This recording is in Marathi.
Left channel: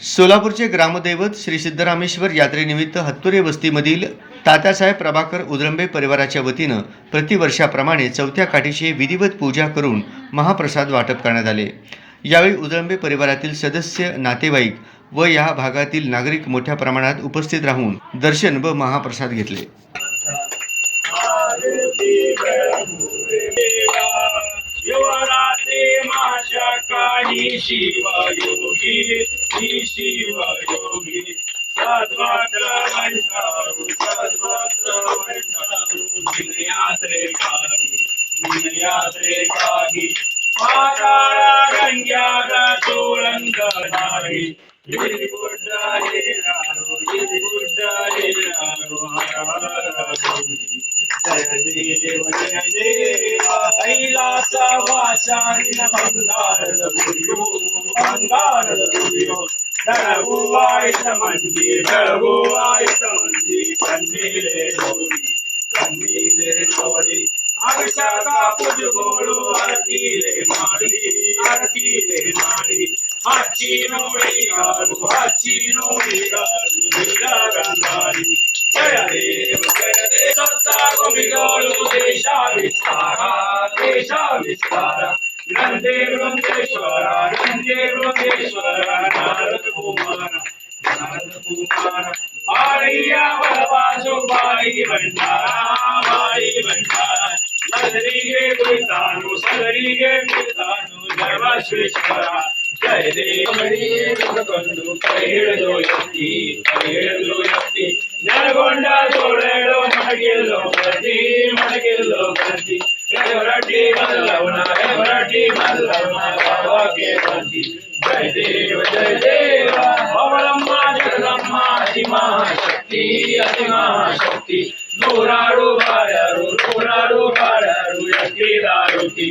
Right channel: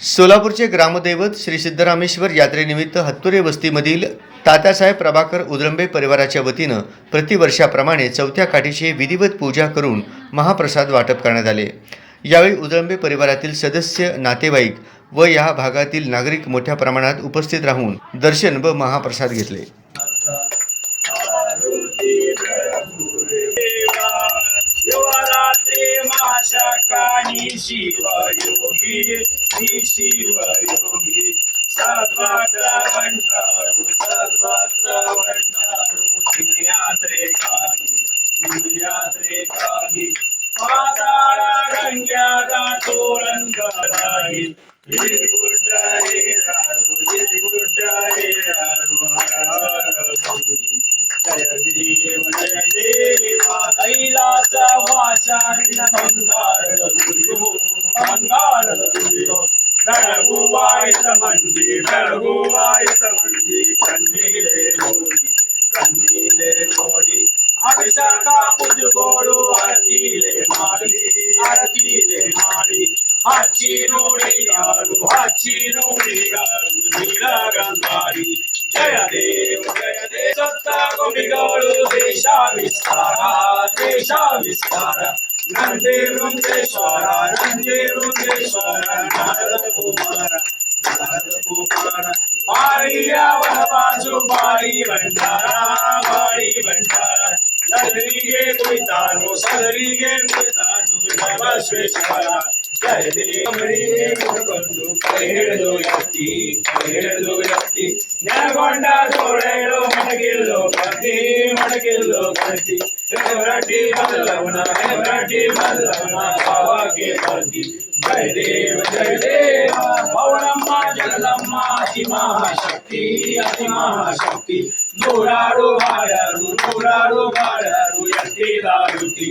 सोलापूरचे ग्रामदैवत श्री सिद्धरामेश्वर यात्रेनिमित्त हत्तुरे वस्तीमधील तात्यासाहेब प्रभाकर उदरंबे परिवाराच्या वतीनं प्रतिवर्षाप्रमाणे चौथ्या काठीची विधिवत पूजा करून महाप्रसाद वाटप करण्यात आले. यावेळी उदळंबे परिवारातील सदस्य नातेवाईक व या भागातील नागरिक मोठ्या प्रमाणात उपस्थित राहून दर्शन व महाप्रसाद घेतले. शिवरात्री ಸಂಖ್ಯಾದ ತೋಳಂಗಾರಾಗಿ ಇರಿ ಗುಡ್ಡಾರಿ ರಾರು ಇರಿ ಗುಡ್ಡಾರಿ ರಾರು ಜಯದೇವ ಜಯದೇವ ಕೈಲಾಸ ವಾಚಾರಿನ ಬಂಗಾರದ ಗುರಿಯೋ ಬಂಗಾರದ ಗುರಿಯೋ ಬೆಳಗುವಾಯಿತ ಮಂದಿ ಬೆಳಗುವಾಯಿತ ಮಂದಿ ಕಣ್ಣೀರೇ ನೋಡಿ ಕಣ್ಣೀರೇ ನೋಡಿ ಅಭಿಷೇಕ ಪುಜುಗೋಳು ಅರಕೀಲೆ ಮಾಡಿ ಹಚ್ಚಿ ನೋಡಿ ಯಾರು ಹಚ್ಚಿ ನೋಡಿ ಯಾರು ದಿಲ್ಲ ಗಂಗಾರಿ ಜಯ ದೇವ ಜಯ ದೇವ ಸತ್ತ ಗೋಪಿಗಳು ದೇಶ ವಿಸ್ತಾರ ದೇಶ ವಿಸ್ತಾರ ನಂದೇ ವೃಂದೇಶ್ವರ ನಂದೇ ವೃಂದೇಶ್ವರ ನಾರದ ಕುಮಾರ ನಾರದ ಕುಮಾರ ಬಾಳಿಯ ಬಲಬಾಜು ಬಾಯಿ ಭಂಡಾರ ಬಾಯಿ ಭಂಡಾರ ಸದರಿಗೆ ಕುಳಿತಾನು ಸದರಿಗೆ ಕುಳಿತಾನು సర్వశ్వేశ్వర జయ దేవముడు పదిహేడు ఎత్తి పదిహేడు ఎత్తి నెలకొండ తోడేడు మనకిల్లో ప్రతి మనకిల్లో ప్రతి ఎవరటి మల్లవున ఎవరటి మల్లవున బాబాకే ప్రతి జయ దేవ జయ దేవ పౌడమ్మ జగదమ్మ అతి మహాశక్తి అతి మహాశక్తి నూరాడు వాడారు నూరాడు వాడారు ఎత్తిదారుతి